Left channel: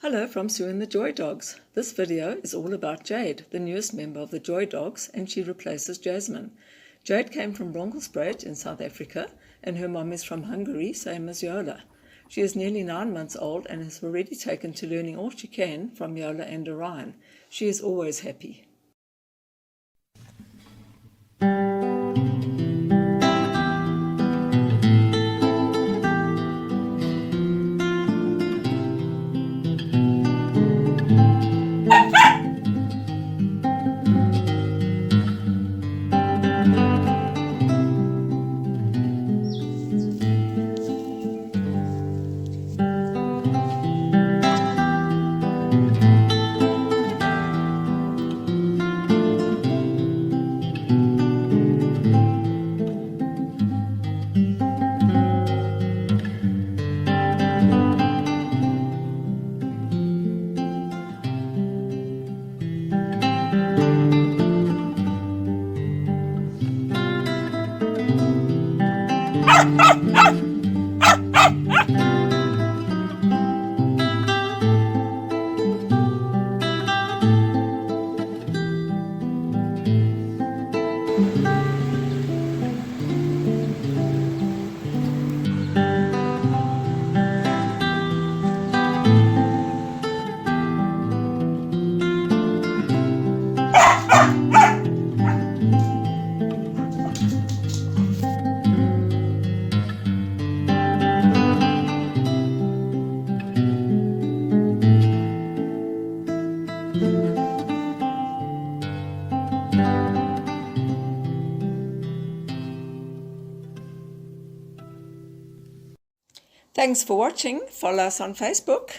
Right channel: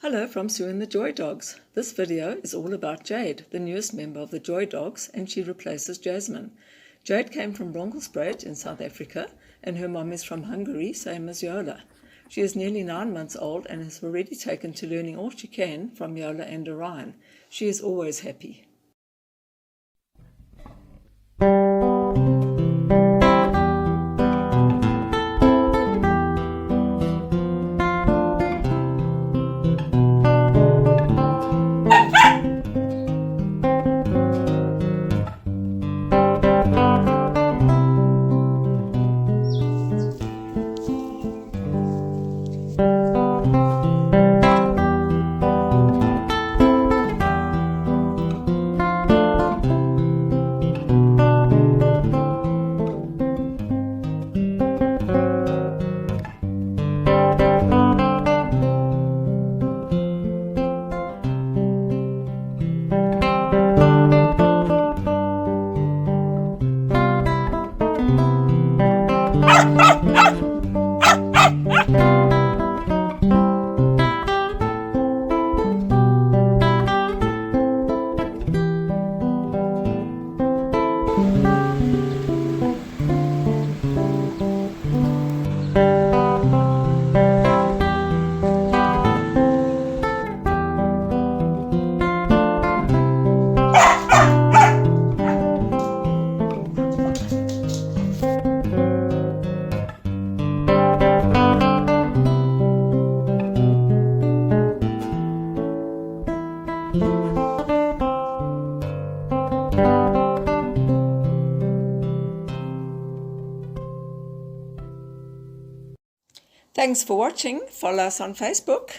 Hello from Sue and the Joy Dogs. This video is all about Jade, the newest member of the Joy Dogs, and she replaces Jasmine. Jade came from Bronkhorstspruit in South Africa, and her mom is from Hungary, same as Yola. She is nearly 9 months old and has already taken to learning all she can from Yola and Orion. She is always happy. Thanks for watching. Follow us on Facebook.